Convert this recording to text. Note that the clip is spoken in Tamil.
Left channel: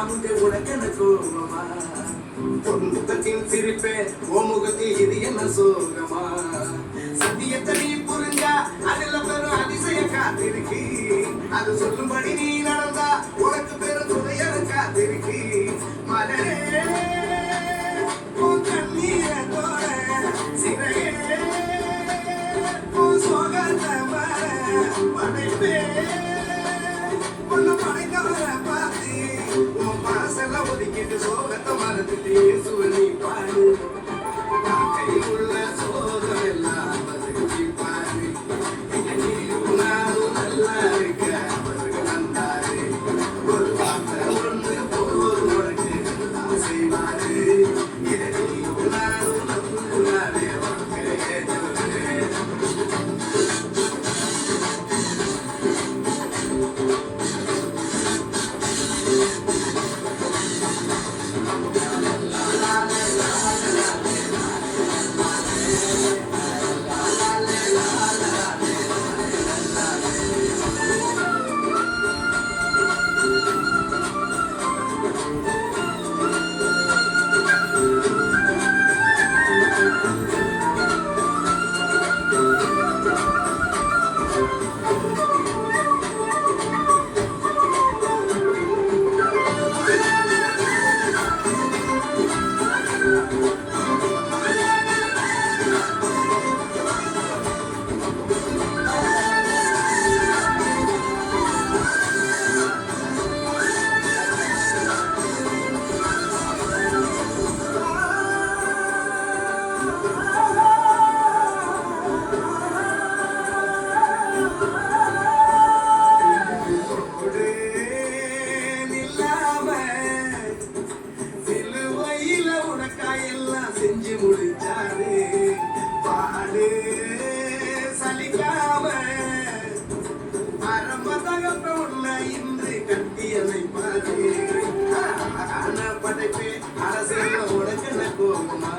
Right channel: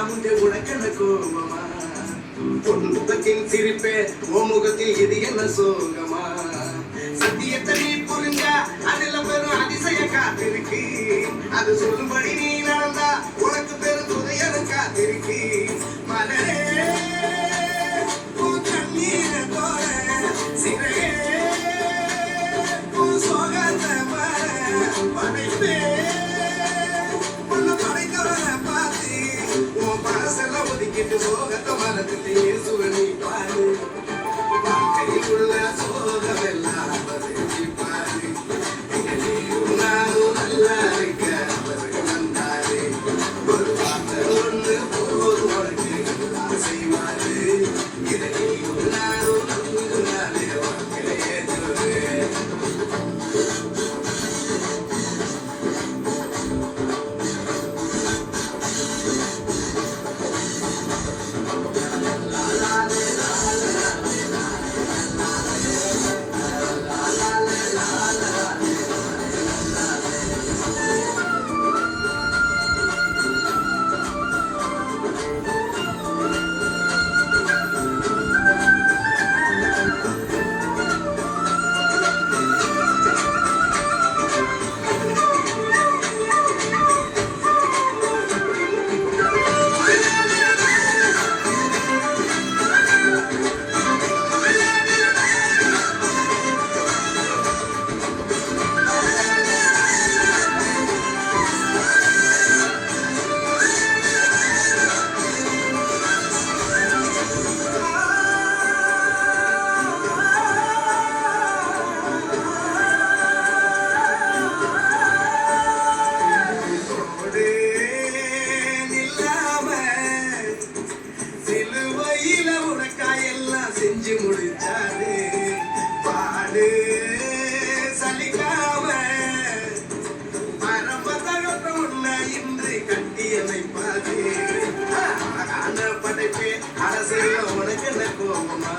அமுதே உனக்கென்ன கோபமா பொன்முகத்தின் சிரிப்பே ஓ முகத்தில் இது என்ன சோகமா சத்தியத்தை நீ புரிஞ்சா அதுல பெரும் அதிசய காத்திருக்கு அது சொல்லும்படி நீ நடந்தா உனக்கு பெரும் துதையரு காத்திருக்கு மலரே கண்ணீர போல சிறையே சோகத்த படைப்பே சோகத்தை மரத்திலே சுவனி பாடு கைக்குள்ள சோகமெல்லாம் பாடு நானும் நல்லா இருக்க அவருக்கு வந்தாரு ஒரு வார்த்தை ஒன்று போது உனக்கு செய்வாரு இதை நானும் நம்புனாலே வாழ்க்கையிலே செஞ்சு முடிச்சாரு பாடு சலிக்காம பரம்பதகத்த உன்னை இன்று கட்டி அமைப்பாரு படைப்பே அரசியல் உனக்கு என்ன கோபமா